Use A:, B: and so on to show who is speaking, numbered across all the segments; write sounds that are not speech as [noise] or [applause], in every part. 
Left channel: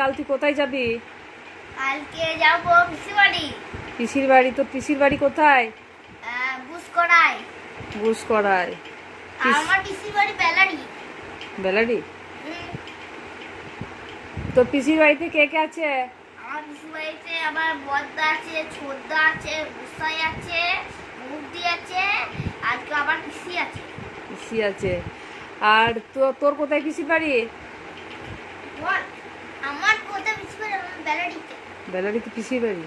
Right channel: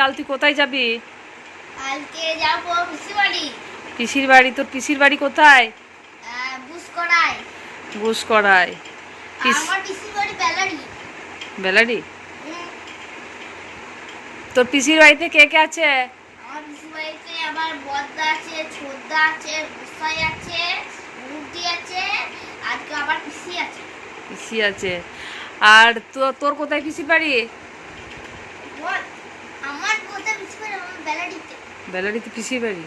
A: কাল তুই কোথায় যাবি?
B: কালকে যাব পিসি বাড়ি।
A: পিসির বাড়ি? তোর পিসির বাড়ি কোথায়?
B: বুস করাই
A: বুস করায় পিস-
B: আমার পিসি বাড়ি বেলারি।
A: বেলাডি তোর পিসির বাড়িতে কে কে আছে?
B: আমার পিসি বাড়িতে আমার বদ্দা আছে ছোদ্দা আছে গুসাই আছে মুরগি আছে আর তো আবার পিসি আছে।
A: পিসি আছে। আর তোর কোথায় পিসির বাড়ি
B: বল আমার কোথায় পিসি বাড়ি আমার বেলারিতে
A: পিসির বাড়ি।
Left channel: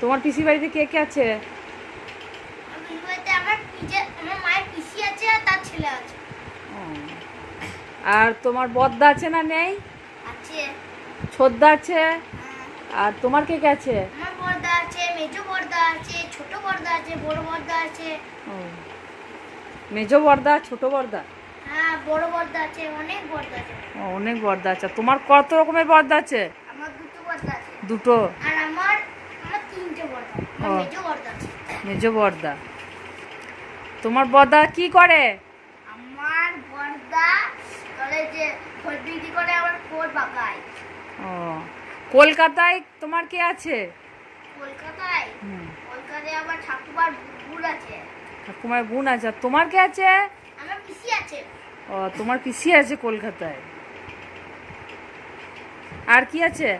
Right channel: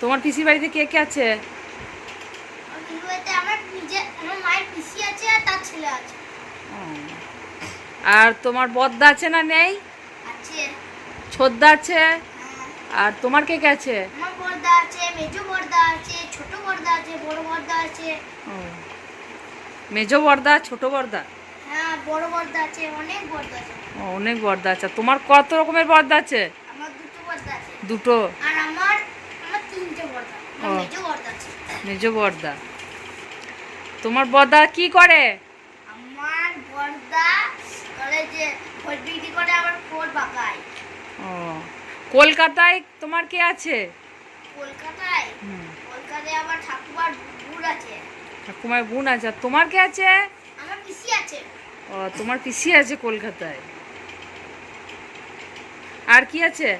A: তোমার পিসির বাড়িতে কে কে আছে?
B: আর
A: তোমার বদ্দা আছে না নেই?
B: আছে।
A: ছোদ্দা আছে?
B: হ্যাঁ।
A: আর তোমার কে কে আছে?
B: মেজো বর্দা ছোট বর্দা হ্যাঁ অনেক বর্দা আছে।
A: তোমার কত রকমের বর্দা আছে?
B: আমার দুটো বর্দা আছে।
A: দুটো।
B: আর আমার আমার তিনটে বর্দা। মেজো বর্দা
A: তোমার বর্দা কি করে?
B: আমার বর্দা করে যে ফল বিক্রি করে আবার ফল বাগায়
A: ও কলকাতায় তোমার কে আছে?
B: কলকাতায়? কলকাতায় আবার ঠাকুমার বুড় আছে।
A: ঠাকুমার বোন আছে। আর তোমার কে আছে?
B: আমার পিসি আছে।
A: ও তোমার পিসি আছে কলকাতায়। আর কি আছে?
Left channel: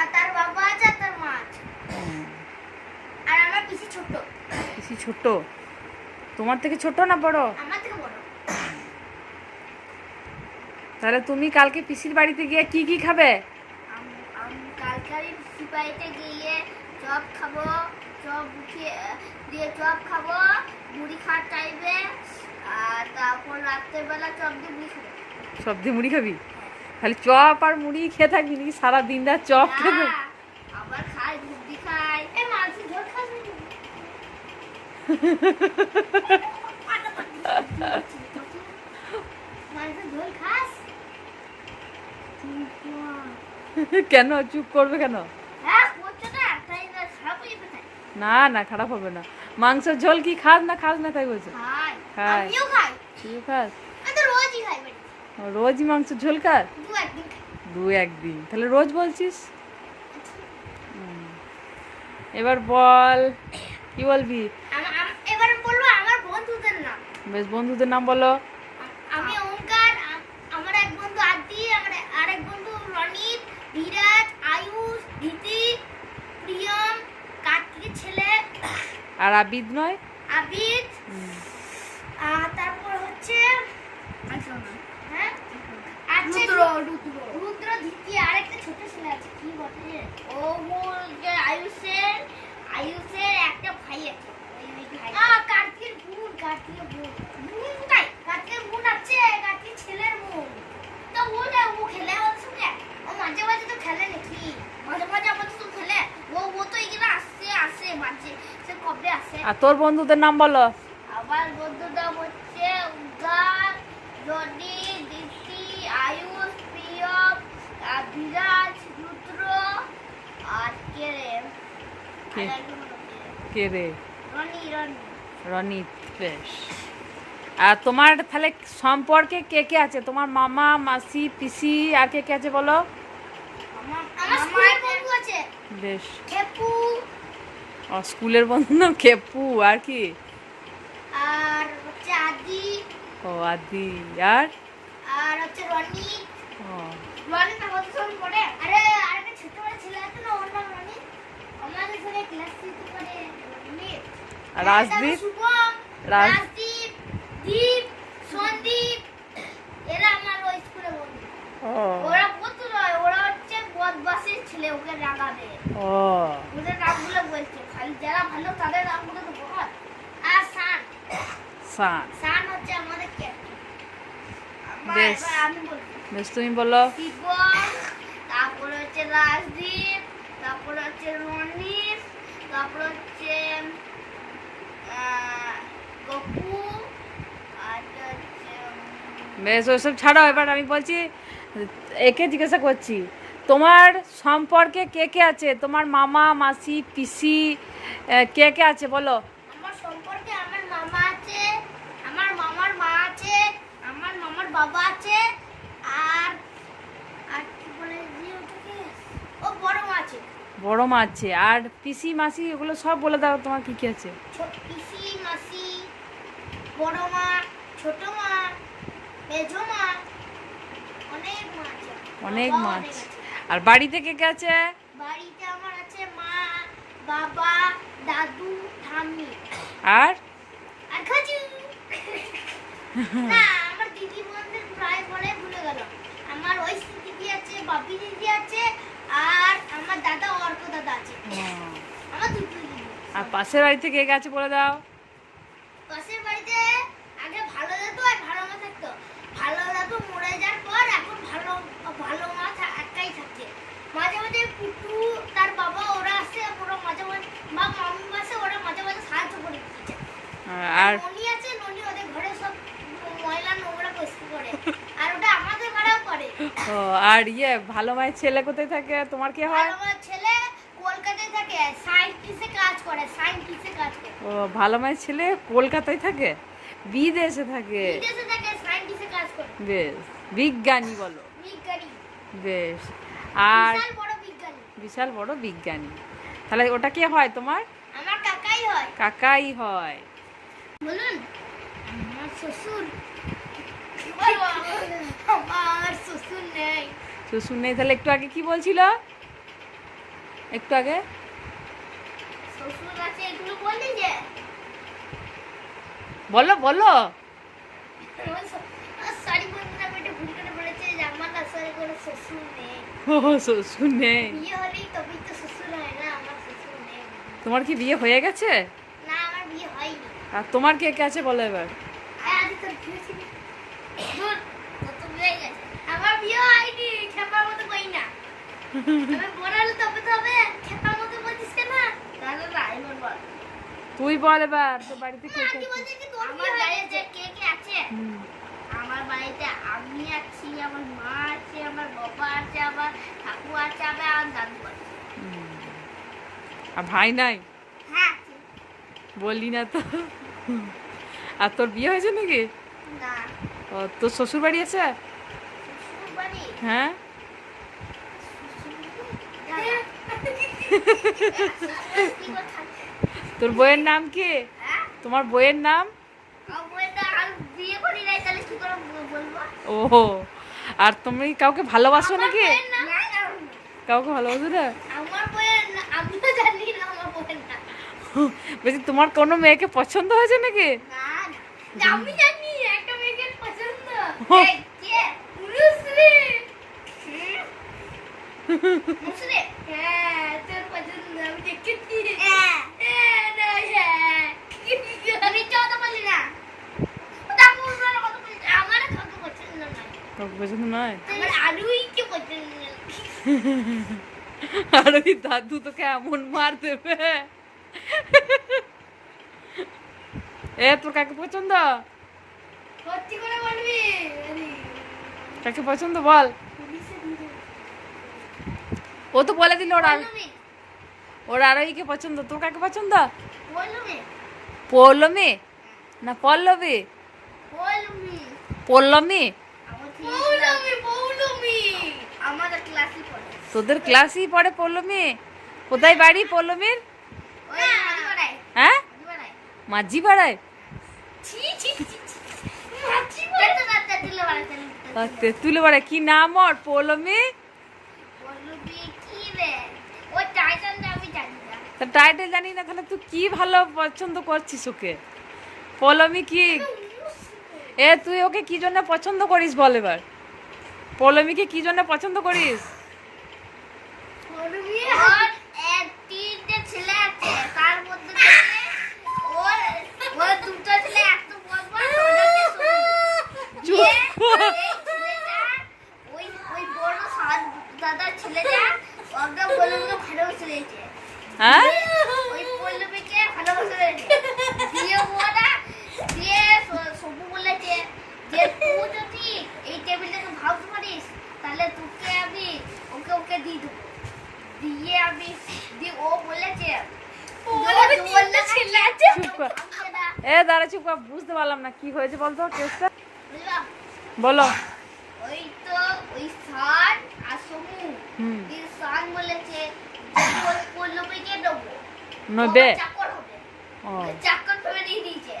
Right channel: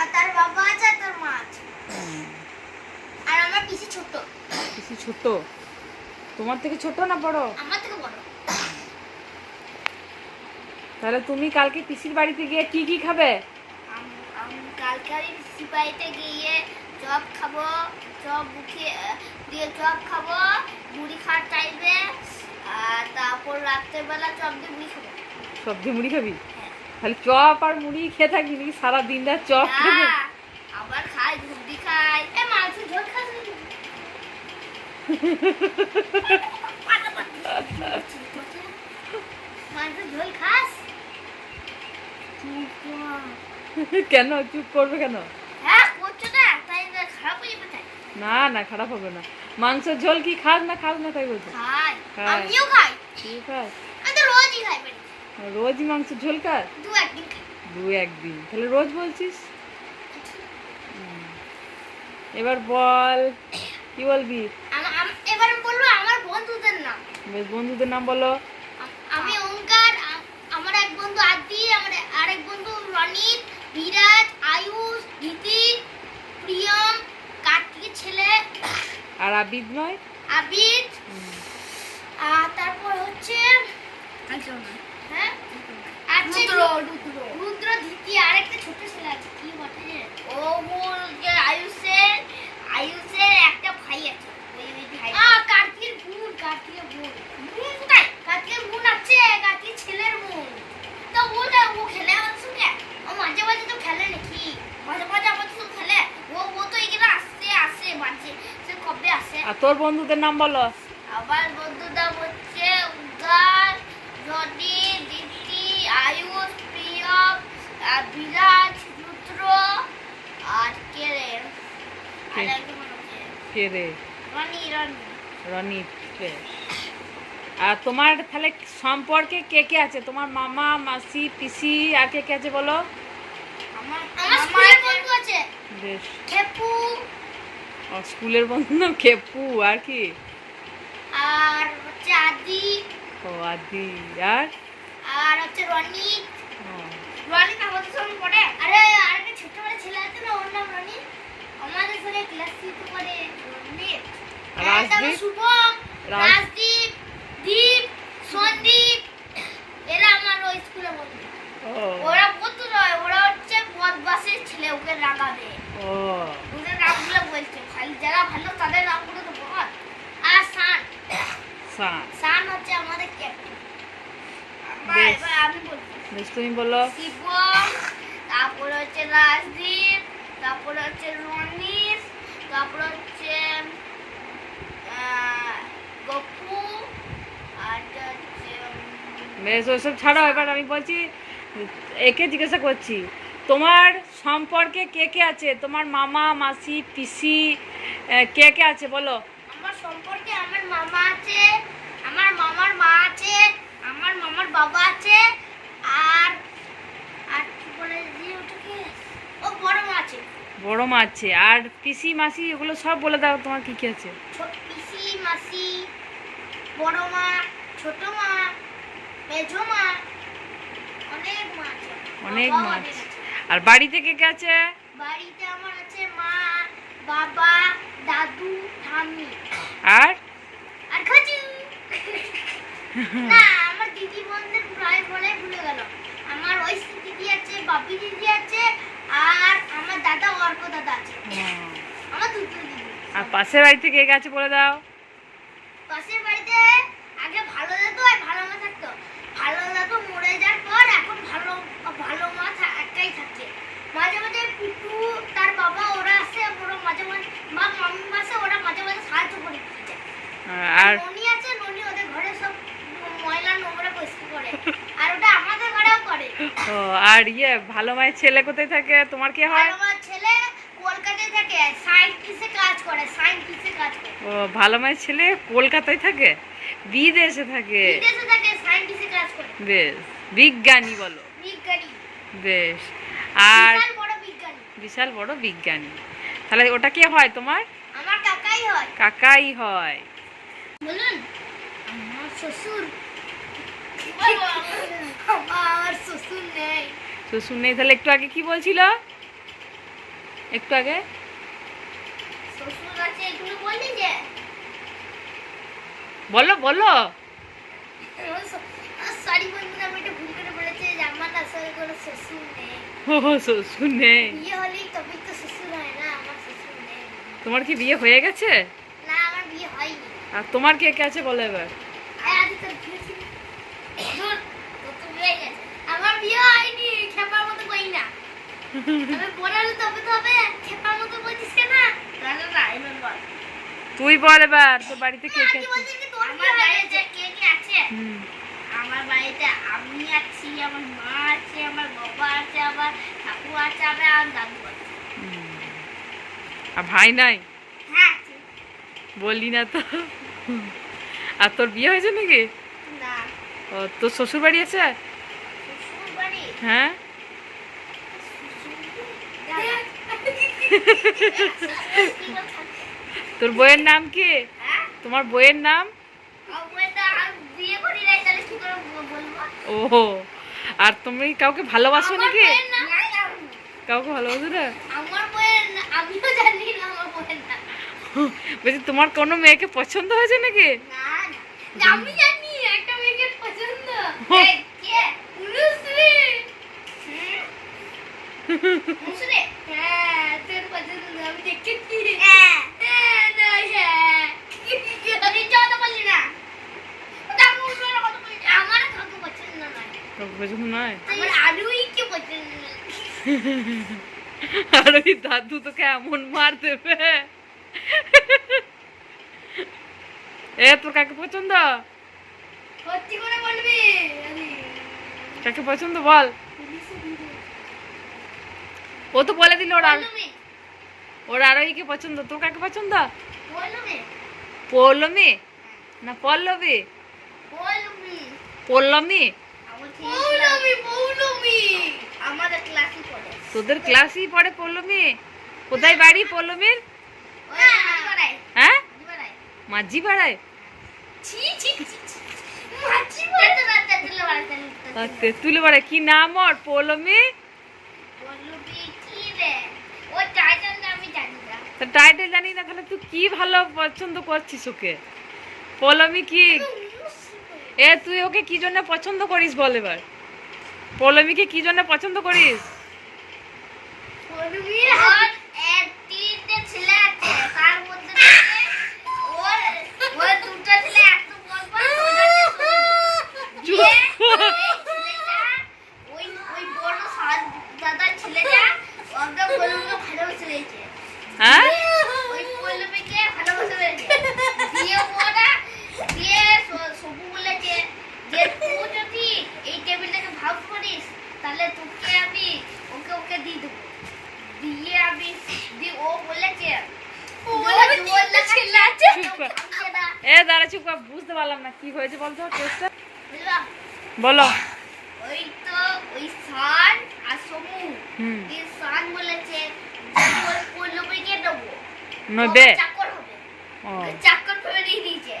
B: আর তার বাবা আছে আর তার মা আছে। আর আমার পিসি ছোট
A: পিসি ছোট তোমার থেকে ছোট না বড়?
B: আমার থেকে বড়।
A: তাহলে তুমি কালকে পিসির বাড়িতে গিয়ে কি কি খাবে?
B: আমি কালকে আমি পিসি বাড়িতে গিয়ে চপ খাব চপ মুখে দিয়ে চপ খাব মুড়ি খাওয়ার টাইমে আর তারপর রাত্রেবেলা চপ দিয়ে মুড়ি খাব।
A: সবজি মুড়ি খাবি? খালি চপ আর মুড়ি খেয়ে থাকবি নাকি সারা দিন রাত চপ খাবে
B: আবার খাই ঘুগনি খাই। এ মাছ ঝোল খাস নাকি? পাটা পাটা। মাছের ঝোল খাস?
A: কেন? চুপ করবে কেন?
B: হ্যাঁ না না খারাপ যাবে তাই।
A: না না খারাপ হবে না। মাংসের ঝোল কি খাস না খাস না তাই বলছে?
B: খাই।
A: খাই। তুই খাস?
B: রোজই খাই বাড়ি
A: রোজই মাংসের ঝোল খাস?
B: দু একদিন
A: তাহলে রোজ বলছিস? এবার বল কি বলবি?
B: এবার বলব আমার বন্ধুদের নাম।
A: বেশ বন্ধুদের নাম বলো।
B: আম- ওঙ্কার আমার এক বন্ধু আদি আমার আরেক বন্ধু রনিত বিরাজ আয়ুষ গীতি প্রিয়ম কার্তিকের ছেলে।
A: আর আবিদ নয়?
B: আবিদ। আর তারপর হচ্ছে হ্যাঁ? আছে রুদ্র ধীতি আরেকটা ছোট ছেলে আছে কি বটে? ও মোর যে আয়ুষের আয়ুষের একটা ভাই আছে। ওই ওই ভাই। আ কার্তিকের বোন কার্তিকের বোন। বোন কোথায়? কার্তিকের বোন আছে কার্তিকের ছেলের বোন। তো ও না ও খেলে আমার সঙ্গে? ও মাঝে মাঝে তো খেলে নাকি? মাঝে মাঝে আমার তো খেলে। ও ও তো এখানে আসছে আসে মাঝে। সে কবে আসে?
A: আর তোর বন্ধুদের নাম বলো
B: আমার বন্ধুটা হচ্ছে উদার রনি দীপ্তি আয়ুষ প্রিয়ম আর বিরাজ রুদ্র আর কে রে?
A: কে? রে?
B: রনি রনি।
A: রনিত বেশ। আর তোমার তাহলে সম্পর্কে কে কে আছে? তোমার মামা মাসি পিসি আর কে কে আছে বলো?
B: আমার আমার স্কুলের বন্ধু আছে।
A: বেশ।
B: খেপু।
A: স্কুলের বন্ধু নাম খেপু। আর কি?
B: আর হচ্ছে আদি।
A: ও আদি। আর?
B: আর হচ্ছে রনি
A: ও,
B: রনি আমাদের সঙ্গে পড়ে। আরে আরেকটা ছোট বড় ছেলে আছে না ওর নাম রনি। আমাদের সঙ্গে ক্লাস থ্রিতে পড়ে রনি।
A: আর
B: হ্যাঁ,
A: রাজদীপ?
B: শুভম রাজদীপ দীপ সন্দীপ। এরা আমার ওই স্কুলে বন্ধু। ওরা কত নয় ওরা হচ্ছে বদমাসের ছেলে ওকে রাগাবে।
A: ও।
B: ওদের নামগুলো বলছে খালি যারা ভালো তাদের নামগুলো তো বল। আর সান।
A: সান।
B: সান হচ্ছে আমাদের ক্যাপ্টেন আমি বলছি
A: বেশ তুমি বলো।
B: তারপরে হচ্ছে রাজদীপ তারপরে হচ্ছে রনিত তারপরে হচ্ছে গপু আর
A: বেশ ওইসব ছাড়াও এবার আমি বলছি একে জিজ্ঞাসা করছি তোমার সম্পর্কে কে কে আছে? তোমার মামা মাসি পিসি কে কে আছে? বলো।
B: আমার সম্পর্কে আমার মামা আছে আমার মামার মা আছে আমার মামার বাবা আছে আর আর কি বলে যে ওটাকে
A: বড় মা আছে আর পিসি মাসি এগুলো সব বলে দাও তোমার কি কি আছে।
C: পিসি মাসি বড় মা ছোট মা মেজো মা অনেক মা আছে।
A: অনেক মা আছে।
C: আছে।
A: আর বাড়িতে কে কে আছে?
C: বাড়িতে আমার আছে মা বাবা দাদু ঠাম্মি।
A: আর?
C: আর খাজু [laughs] না আমার দিদি বোনদের প্রায় বলে ভুলে গেল আমার ওই দিদি আছে বাপি দিদি আছে আর আমার দাদা অর্ক দাদা আছে। আমার দুটো
A: আর পাশের বাড়িতে কে গেছে বলে দাও।
C: পাশের বাড়িতে আগে ভালো যেত আর ভালো না থাকতো। ভালো লাগতো মরে যাওয়ার পর এখন ভালো ভালো মা থা- একাই থাকে মাঝে মাঝে পিটু তার বাবা ওরা আসে ওরা মাঝে মাঝে মা মামি আসে ওরা মাঝে মাঝে সাহায্য করে দিচ্ছে
A: আর
C: ননি আছে ননি ওদের ঘরে সব ময়লা নোংরা পরিষ্কার করে আর ওটা আমাদের ঘরেও করে
A: ও আর ইয়ে ভালো মায়ের ছেলে কোথায় থাকে? তোমার কি হয়?
C: আমার ছেলে কলকাতায় থাকে কাজ করে কাজ করে।
A: ও ভালো মায়ের ছেলে কলকাতায় থাকে? বিদেশে থাকে?
C: বিদেশে থাকে কাজ করে।
A: বেশ বিজ্ঞানী বলো।
C: বিজ্ঞানী।
A: বেশ আর
C: বিশাল বড় বিজ্ঞানী।
A: বিশাল বড় বিজ্ঞানী। তাহলে ওটা কে হয় তোমার?
C: আমার কাকাই হয়।
A: কাকাই হয়।
C: বলুন আমার শ্বশুর শ্বশুর নেই।
A: তাহলে একটু আগে কি বলছিল? একটু আগে? বলো বলো। তোমার কি বিয়ে হয়ে গেছে? আর তোমার কে কে আছে বলো এবার
C: আয় আজ তোর বিয়ে ছিল ধুর, তোর তো বিয়ে হয়ে গেছে। আমার বিয়ে হয়নি খেপার মতো কই না আমি বড় হলে তবে তো হবে খেপার মতো বলছিস কেন তাহলে না এবার বল
A: তুই বল এবার তোর বাড়িতে কে কে
C: আমার বাড়িতে কে কে আছে?
A: হুম।
C: আমার বাড়িতে আমি আছি আমার মা আছে আমার বাবা আছে আমার ঠাকুর আছে আমার আর দাদু আছে।
A: আর ভাই নাই?
C: হ্যাঁ আছে।
A: বললি না তো। আর তোর বিয়ে হয়েছে নাকি?
C: না।
A: ও তোর শ্বশুর বাড়ি আছে?
C: শ্বশুর বাড়ি
A: হ্যাঁ? তোর বইয়ের নাম কি?
C: হ্যাঁ?
A: তোমার বইয়ের নাম? ও আর তুমি কাউকে ভালোবাসো নাকি? কাউকে ভালোবাসো না। বলছি তোমার কোনো মেয়েকে পছন্দ হয়েছে নাকি?
C: না, না। আমি জানি একটা মেয়েকে পছন্দ।
A: হুম।
C: এই, কে? হ্যাঁ,
A: আর ওই দাদু তোকে এমন মার দেবে? এ, তোর কাকে পছন্দ? কাকে পছন্দ বল? ও তো বলে দিল ওর। ওর আরোহীকে পছন্দ? তোর কাকে পছন্দ পৌলমী না পল্লবী। পল্লমী তোদের ক্লাসই পড়ে পল্লমী কোথায় বাড়ি পল্লমীর হ্যাঁ? মাঝি পাড়ায়
C: তুলে বাড়াতে
A: পাড়ায় কি নাম ওর? পৌলমী তা টাইটেল জানি না। তাহলে তুই কি ভালো পছন্দ করছিস ওকে? পলমি কি? এ তুই ওকে কি জন্য পছন্দ করিস বল এবার? পলমিকে কি জন্য পছন্দ করিস
C: বলবি ওর এক তিনটে ছেলে আছে তার মধ্যে থেকে ওর ওর দুটো ছেলে এত বড় বড়
A: চুপ কর।
C: ছেলেটা ওই ওই বড় সাত দাদার ছেলেটা ওকে বলুকে ভালোবেসে রয়েছে
A: হ্যাঁ
C: ওই পল্লবীকে ভালোবাসা রয়েছে দিয়ে ওরা দিয়ে স- সবু বলেছে যে তুই যদি এই টেবিলটাকে ভাবতে পারিস তাহলে তোকে আমি ওকে ওকে দিয়ে দেবো দিয়ে আমি ও বলেছে।
A: এ দাঁড়া চুপ কর, বুঝতে পারলাম না কি হয়েছে বলতো কেসটা? বলো।
C: ওই তো ওই সান আর সমু এই সান বলেছে পল্লবীকে দেবো?
A: নদে
C: চাকর হবে।
A: ও।
C: চাকর ধরে [laughs] দিয়ে দিয়েছে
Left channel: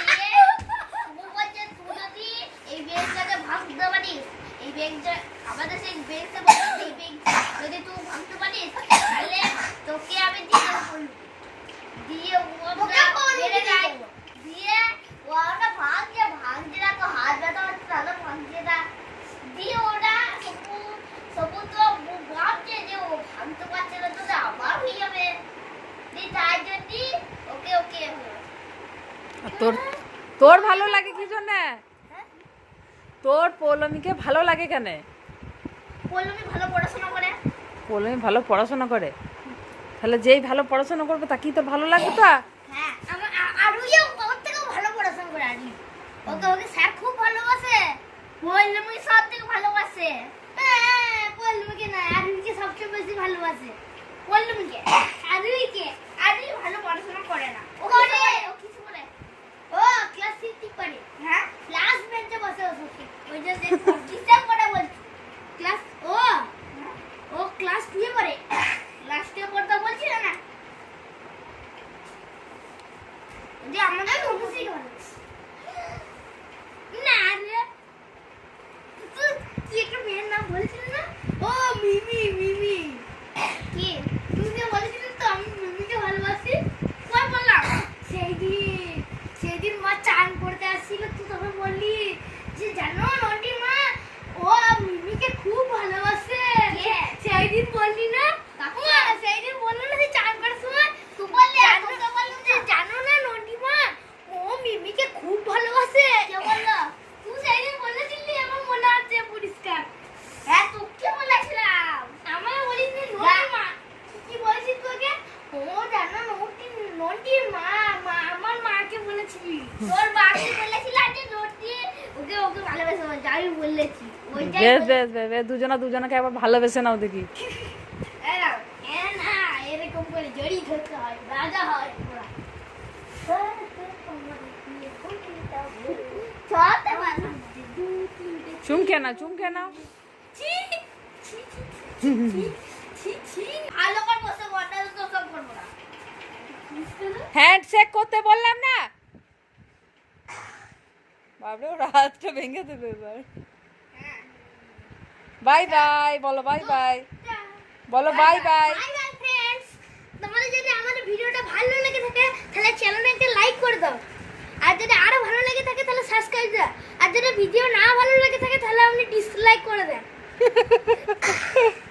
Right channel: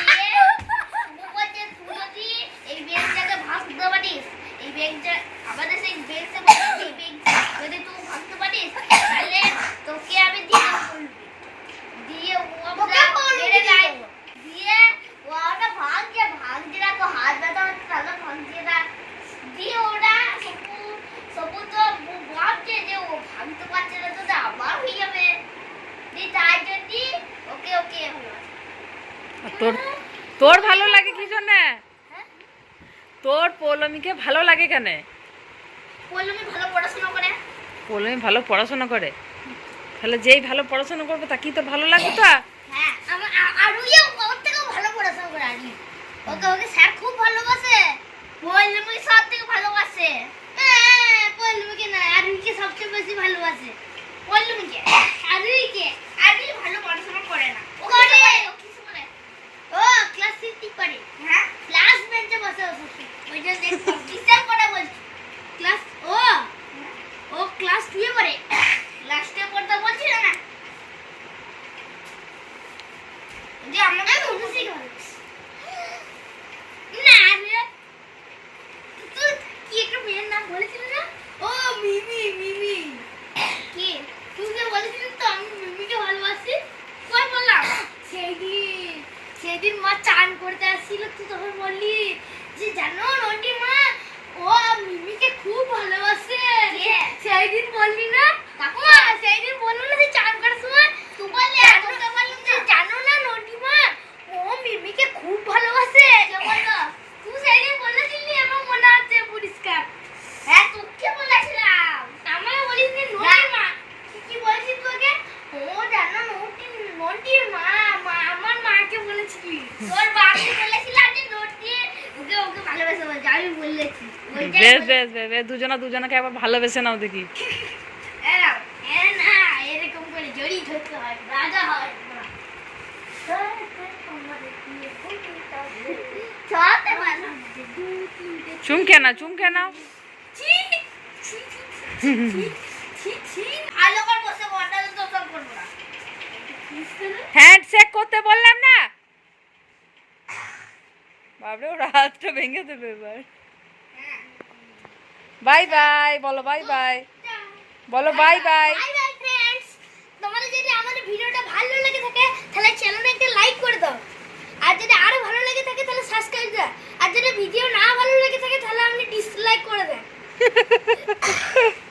C: দিয়ে ও বলছে তুই যদি এই বেঞ্চটাকে ভাঙতে পারিস এই বেঞ্চটা আমাদের সেই বেঞ্চে বসে এই বেঞ্চ যদি তুই ভাঙতে পারিস তাহলে তোকে আমি দিয়ে দেবো দিয়ে ও মেরে দেয় দিয়ে। ওটা ভাঙছে ভাঙছে না তো হাত ব্যথা হচ্ছে তাহলে ভাঙছে না। দিয়ে ওরা সবু সবু তো ভাবছে যে ও ভাঙতে পারছে না তো আমার হয়ে যাবে। দিয়ে তাই জন্যই ওকে ওকে
A: তোর তোর ভালো লাগে কি জন্য? তোর পৌলমীকে ভালো লাগে কেন?
C: পল্লবী ভালো পড়াশোনা করে।
A: পৌলমী ভালো পড়াশোনা করে? তাহলে যেই ভালো পড়াশোনা করবে তা কি তোর ভালো লাগবে তো?
C: হ্যাঁ আরুইও ওর থেকেও ভালো পড়াশোনা করে আরুই ওকে ওকে স্যার খুব ভালোবাসে। পল্লবী সব থেকে ভালোবাসে। হ্যাঁ পল্লবীকে না আরুইকে সবচেয়ে বেশি ভালোবাসে। পল্লবীকে আরুইকে আরুই ভালো পড়াশোনা করে না ও করে ও কিছু বলে ও ক্লাস ফিফটি করে হ্যাঁ ক্লাস বেঞ্চে বসে বসে ওই যে কিসের পড়া বলছি ক্লাস ও ও ক্লাস টুয়ে পড়ে ক্লাস টুয়ে পড়তে বলছি না যে আমাকে খুশি করে না রে তুই কি একটা মেয়ের নাম বলেছিলি না ও মিমি মিমি কি তুই যে বলেছিলি তো আমি মিমিকে ভালোবাসি কই বললাম সেই দিন সেদিন মা চান করতে আসছিল তুই তখন বললি যে জানো নন্টি মা ও মিমিকে খুব ভালোবাসে সেই দিন বললি না ও সেই দিন বলল না যে চান করার সময় তুই বললি তোকে বললাম যে জানো না নন্টি মা ও মিমিকে খুব ভালোবাসে কে বলল তুই সেই দিন বলেছিলি এবং মনে আছে পরিষ্কার হ্যাঁ তোকে বলেছিলাম আমাকে বলিস যে নন্টি মা তুই কি বলেছিস তোকে ও জানো নন্টি নন্টির মা মা আমার মাকে বলেছিলি তোর বাবাকে বলেছিলাম যে নন্টি ওকে ওকে ভালোবাসে বলছে আমি বলেছি ওইটাই
A: বেশ দুজনা দুজনাকে একবার ভালোবেসে নাও দেখি।
C: এরকম করে ধরতে হয়, রাজা হয়।
A: চুমকে না। চুমকে
C: না।
A: হ্যান্ডশেক করতে বললাম না? বাবরে ওর হাতটা ভেঙে দেবে এবার। বাই বাই বলো বাই বাই। বলো বাই বাই
C: তোমাদের যদি আমাদের ভিডিওটা ভালো লেগে থাকে তাহলে চ্যানেলে একটা লাইক করে দাও। আর যদি আরও ভালো লেগে থাকে তাহলে সাবস্ক্রাইব দাও। আর যদি ভিডিও না ভালো লেগে থাকে তাহলে আপনি ডিসলাইক করে দেন [laughs]